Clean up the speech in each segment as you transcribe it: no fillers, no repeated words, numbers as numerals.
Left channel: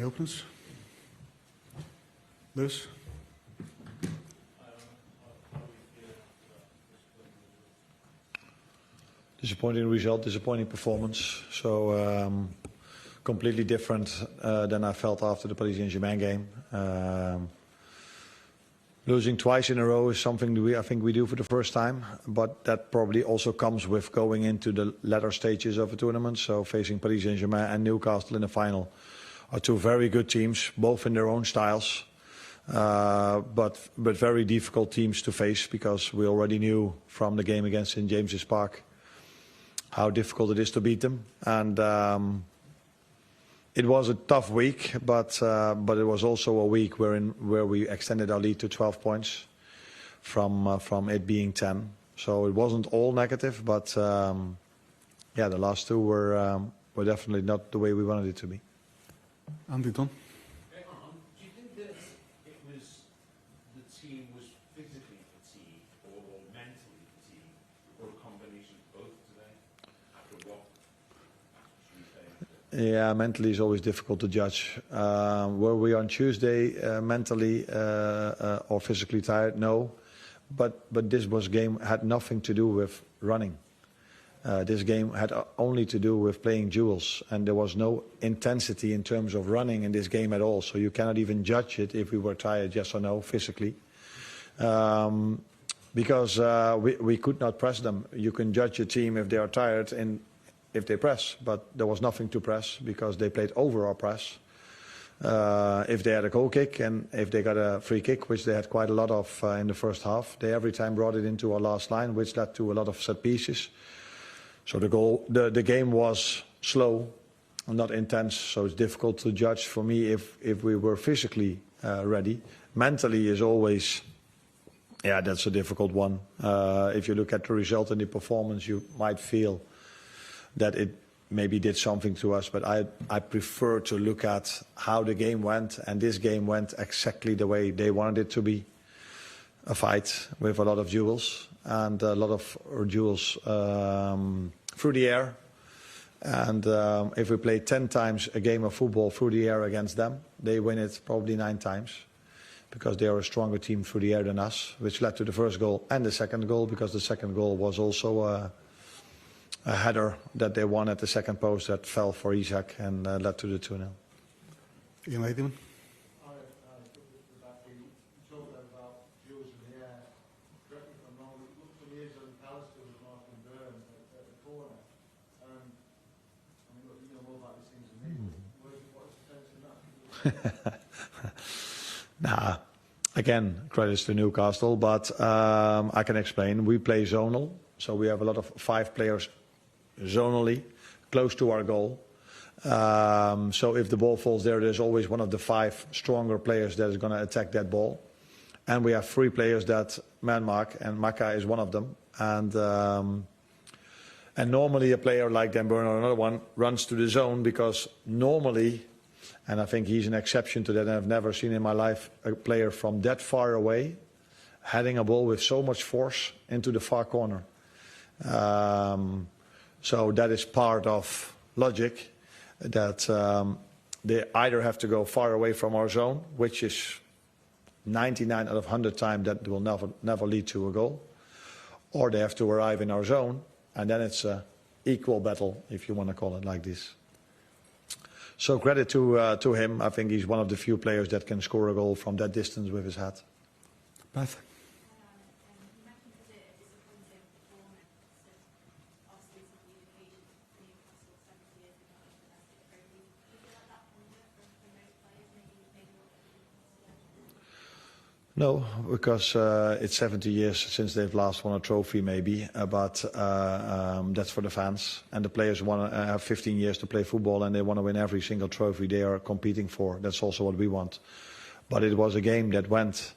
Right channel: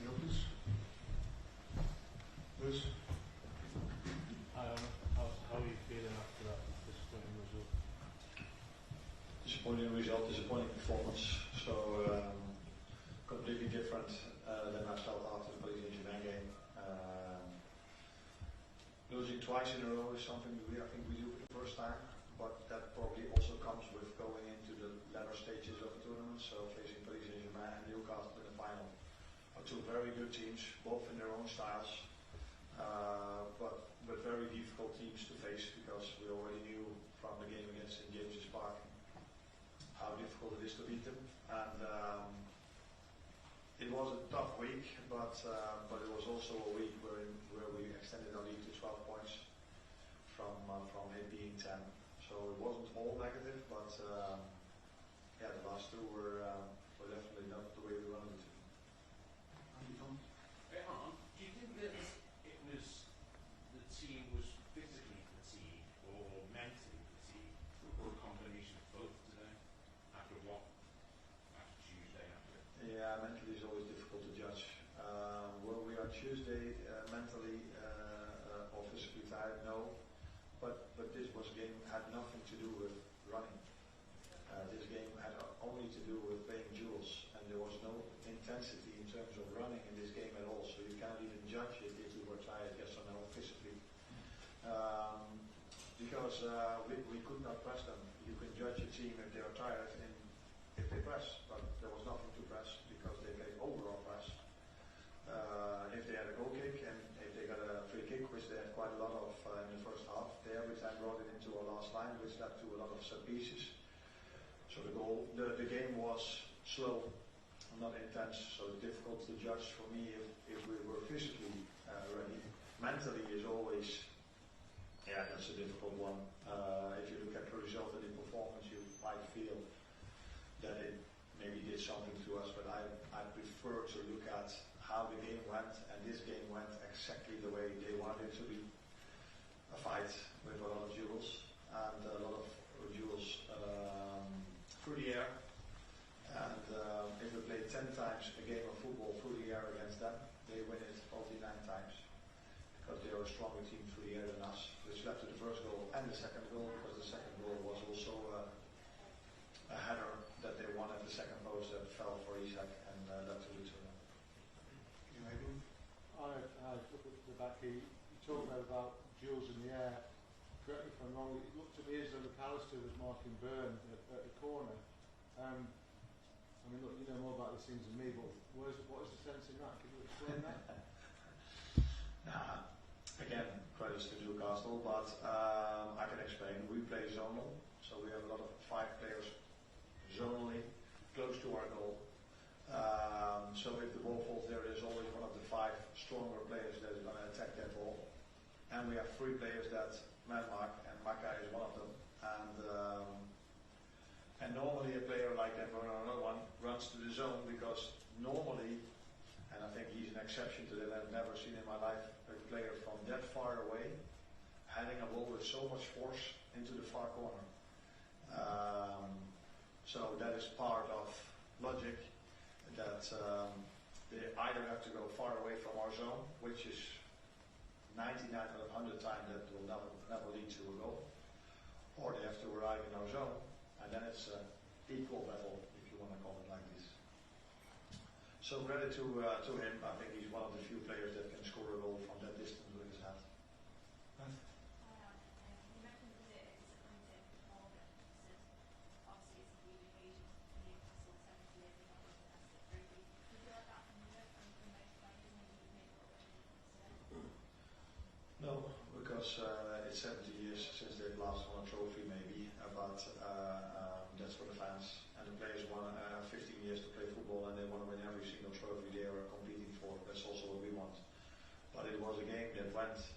Any openers? Liz? How are you feeling after that disappointing result? Disappointing result, disappointing performance. So completely different than I felt after the Paris Saint-Germain game. Losing twice in a row is something I think we do for the first time, but that probably also comes with going into the latter stages of a tournament. So facing Paris Saint-Germain and Newcastle in the final are two very good teams, both in their own styles, but very difficult teams to face, because we already knew from the game against St James's Park how difficult it is to beat them. And it was a tough week, but it was also a week where we extended our lead to 12 points from it being 10. So it wasn't all negative, but yeah, the last two were definitely not the way we wanted it to be. Andy Don? Do you think that it was the team was physically fatigued or mentally fatigued, or a combination of both today? After Tuesday? Yeah, mentally is always difficult to judge. Were we on Tuesday mentally or physically tired? No, but this game had nothing to do with running. This game had only to do with playing duels, and there was no intensity in terms of running in this game at all. So you cannot even judge it if we were tired, yes or no, physically, because we could not press them. You can judge a team if they are tired and if they press, but there was nothing to press because they played over our press. If they had a goal kick and if they got a free kick, which they had quite a lot of in the first half, they every time brought it into our last line, which led to a lot of set pieces. So the game was slow, not intense, so it's difficult to judge for me if we were physically ready. Mentally is always, yeah, that's a difficult one. If you look at the result and the performance, you might feel that it maybe did something to us, but I prefer to look at how the game went, and this game went exactly the way they wanted it to be. A fight with a lot of duels, and a lot of duels through the air. And if we play 10 times a game of football through the air against them, they win it probably 9 times, because they are a stronger team through the air than us, which led to the first goal and the second goal, because the second goal was also a header that they won at the second post that fell for Isaac and led to the 2-0. Ian Lakeman? Nah, again, credits to Newcastle, but I can explain. We play zonal, so we have a lot of 5 players zonally close to our goal. So if the ball falls there, there's always one of the 5 stronger players that is going to attack that ball. And we have 3 players that man mark, and Maka is one of them. And normally a player like Dan Burn or another one runs to the zone, because normally, and I think he's an exception to that, and I've never seen in my life a player from that far away heading a ball with so much force into the far corner. So that is part of logic, that they either have to go far away from our zone, which is 99 out of 100 times that will never lead to a goal, or they have to arrive in our zone, and then it's an equal battle, if you want to call it like this. So credit to him. I think he's one of the few players that can score a goal from that distance with his head. Beth? No, because it's 70 years since they've last won a trophy, maybe, but that's for the fans. And the players want to have 15 years to play football, and they want to win every single trophy they are competing for. That's also what we want. But it was a game that went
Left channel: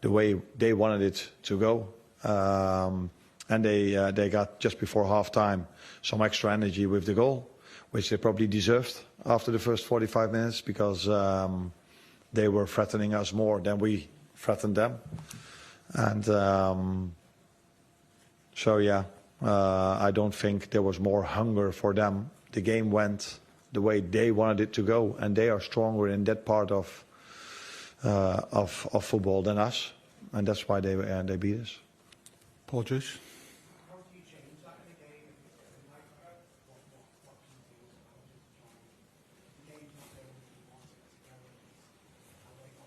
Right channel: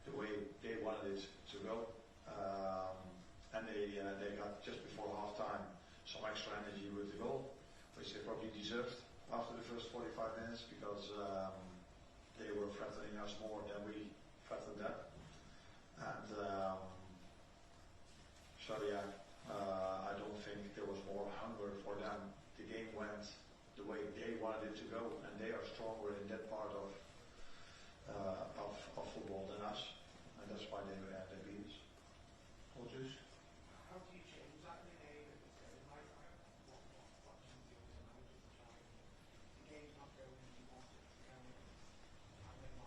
the way they wanted it to go. And they got, just before half-time, some extra energy with the goal, which they probably deserved after the first 45 minutes, because they were threatening us more than we threatened them. And so yeah, I don't think there was more hunger for them. The game went the way they wanted it to go, and they are stronger in that part of football than us, and that's why they beat us. Paul Joyce. How do you change that in a game if it's a micro? What do you do as a manager to try and the game's not going as you want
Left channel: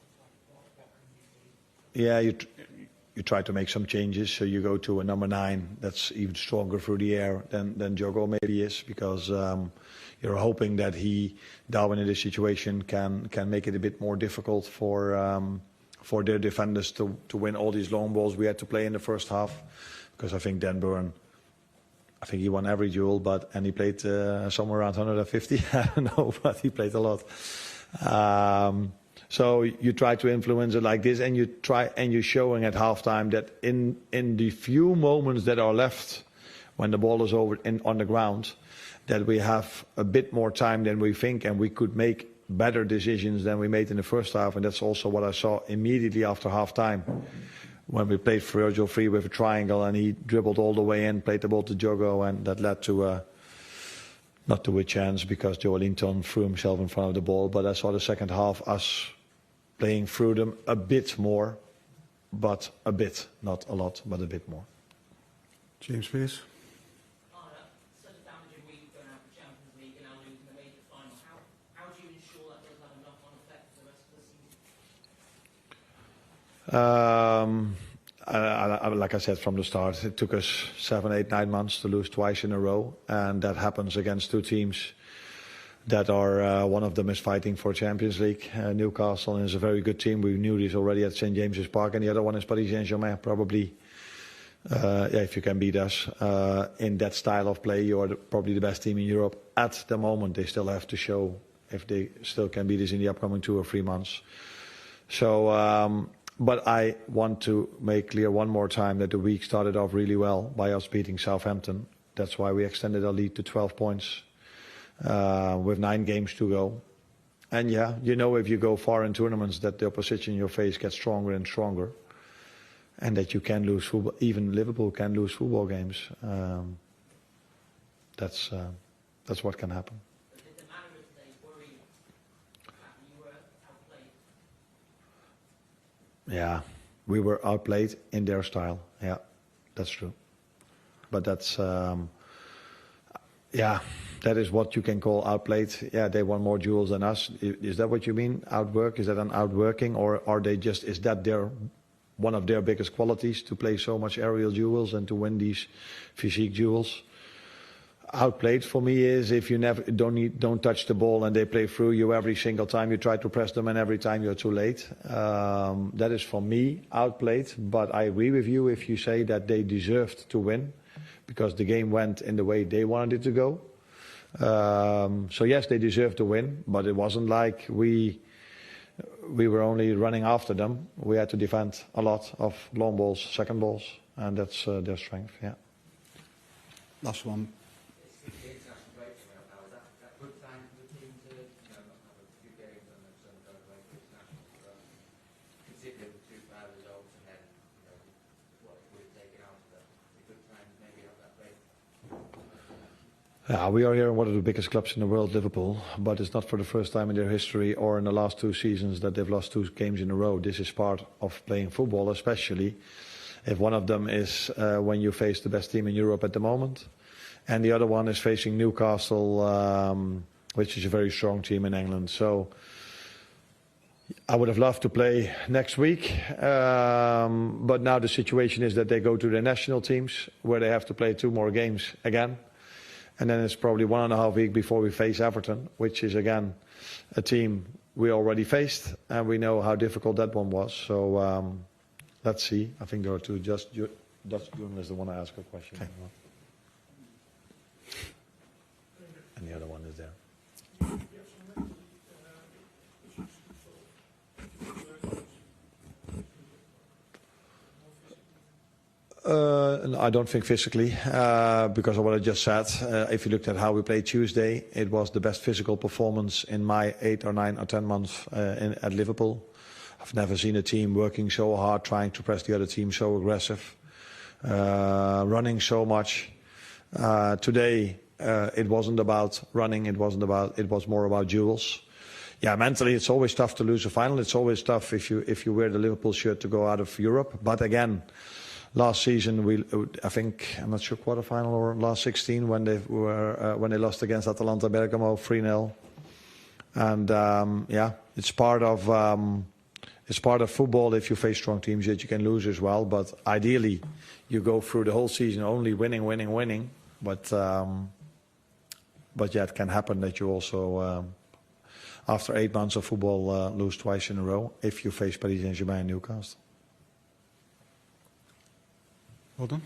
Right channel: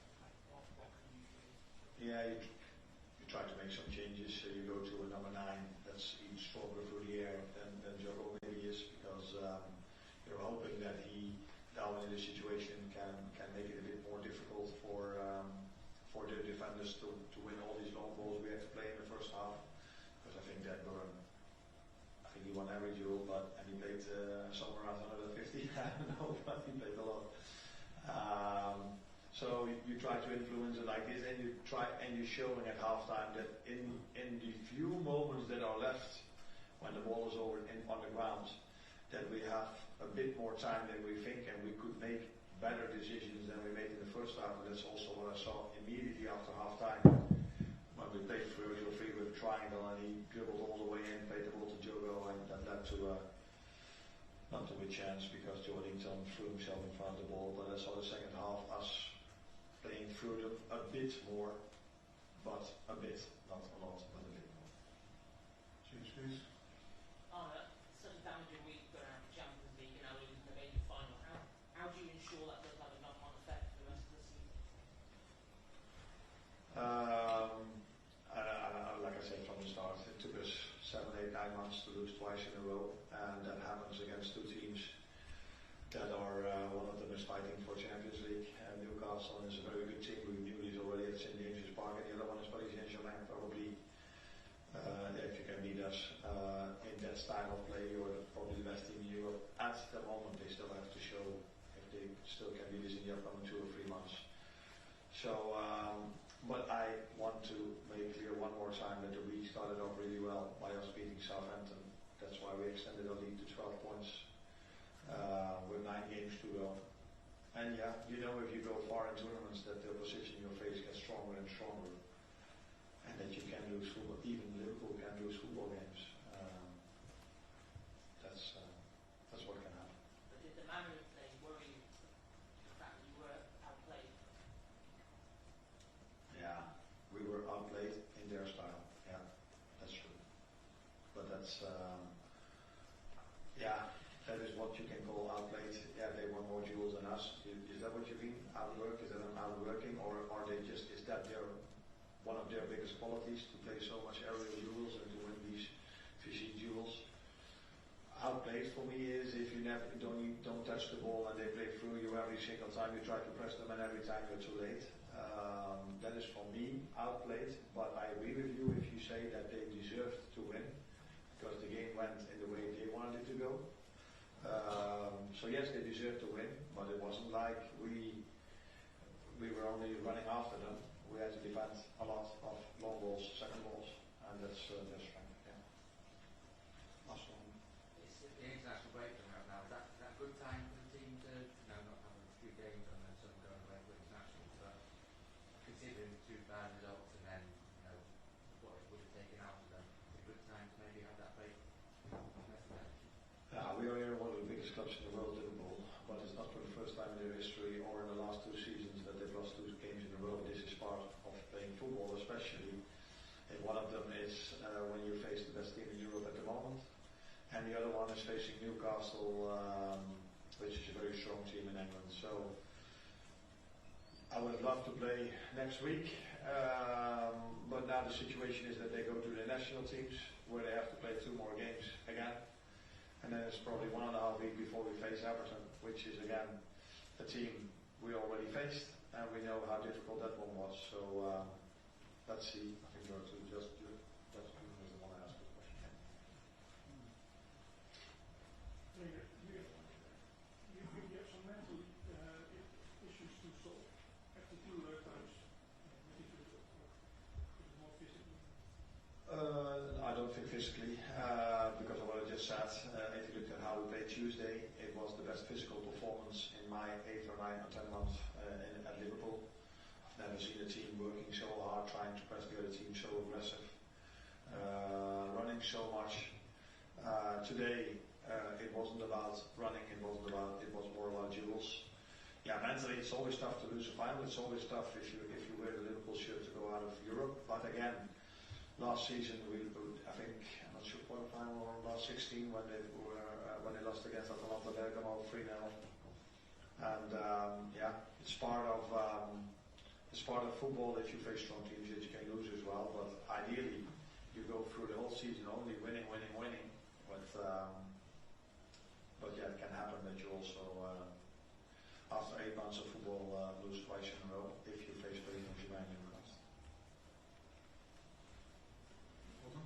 it to go? What can you do? Yeah, you try to make some changes. So you go to a number 9 that's even stronger through the air than Jogo maybe is, because you're hoping that Darwin in this situation can make it a bit more difficult for their defenders to win all these long balls we had to play in the first half. Because I think Dan Burn, I think he won every duel, and he played somewhere around 150. I don't know, but he played a lot. So you try to influence it like this, and you're showing at halftime that in the few moments that are left when the ball is on the ground, that we have a bit more time than we think, and we could make better decisions than we made in the first half. And that's also what I saw immediately after halftime, when we played Virgil free with a triangle, and he dribbled all the way in, played the ball to Jogo, and that led to not to a chance because Joe Linton threw himself in front of the ball. But I saw the second half us playing through them a bit more, but a bit, not a lot, but a bit more. James Pearce. Such a damaging week going out the Champions League and now losing the major final. How do you ensure that doesn't have a knock-on effect for the rest of the season? Like I said from the start, it took us 7, 8, 9 months to lose twice in a row, and that happens against 2 teams that are, one of them is fighting for Champions League. Newcastle is a very good team. We knew this already at St. James's Park, and the other one is Paris Saint-Germain. Probably, if you can beat us in that style of play, you are probably the best team in Europe at the moment. They still have to show if they still can beat us in the upcoming 2 or 3 months. So, but I want to make clear one more time that the week started off really well by us beating Southampton. That's why we extended our lead to 12 points. With 9 games to go. And yeah, if you go far in tournaments that the opposition in your face gets stronger and stronger, and that you can lose football, even Liverpool can lose football games. That's what can happen. But did the manner of today worry you that you were outplayed? Yeah, we were outplayed in their style. Yeah, that's true. But that's, yeah, that is what you can call outplayed. Yeah, they won more duels than us. Is that what you mean? Outwork? Is that an outworking? Or are they just, is that one of their biggest qualities, to play so much aerial duels and to win these physique duels? Outplayed for me is if you never don't touch the ball and they play through you every single time you try to press them, and every time you're too late. That is for me outplayed. But I agree with you if you say that they deserved to win, because the game went in the way they wanted it to go. So yes, they deserved to win, but it wasn't like we were only running after them. We had to defend a lot of long balls, second balls, and that's their strength. Yeah. Last one. It's the international break coming up now. Is that a good time for the team to not have a few games and then some going away for international? But considering the 2 bad results and then what it would have taken out of them, it's a good time to maybe have that break. Yeah, we are here in one of the biggest clubs in the world, Liverpool, but it's not for the first time in their history or in the last 2 seasons that they've lost 2 games in a row. This is part of playing football, especially if one of them is when you face the best team in Europe at the moment, and the other one is facing Newcastle, which is a very strong team in England. So I would have loved to play next week, but now the situation is that they go to the national teams where they have to play 2 more games again. And then it's probably 1.5 weeks before we face Everton, which is again a team we already faced, and we know how difficult that one was. So let's see. I think there are 2. Just Dutch journalist that want to ask a question. Okay. And the other one is there. I don't think physically, because of what I just said. If you looked at how we played Tuesday, it was the best physical performance in my 8 or 9 or 10 months at Liverpool. I've never seen a team working so hard, trying to press the other team, so aggressive, running so much. Today, It wasn't about running. It was more about duels. Yeah, mentally it's always tough to lose a final. It's always tough if you wear the Liverpool shirt to go out of Europe. But again, last season I think, I'm not sure, quarterfinal or last 16 when they lost against Atalanta Bergamo 3-0. And yeah, it's part of football. If you face strong teams, that you can lose as well. But ideally, you go through the whole season only winning. But yeah, it can happen that you also, after 8 months of football, lose twice in a row if you face Paris Saint-Germain and Newcastle. Well done.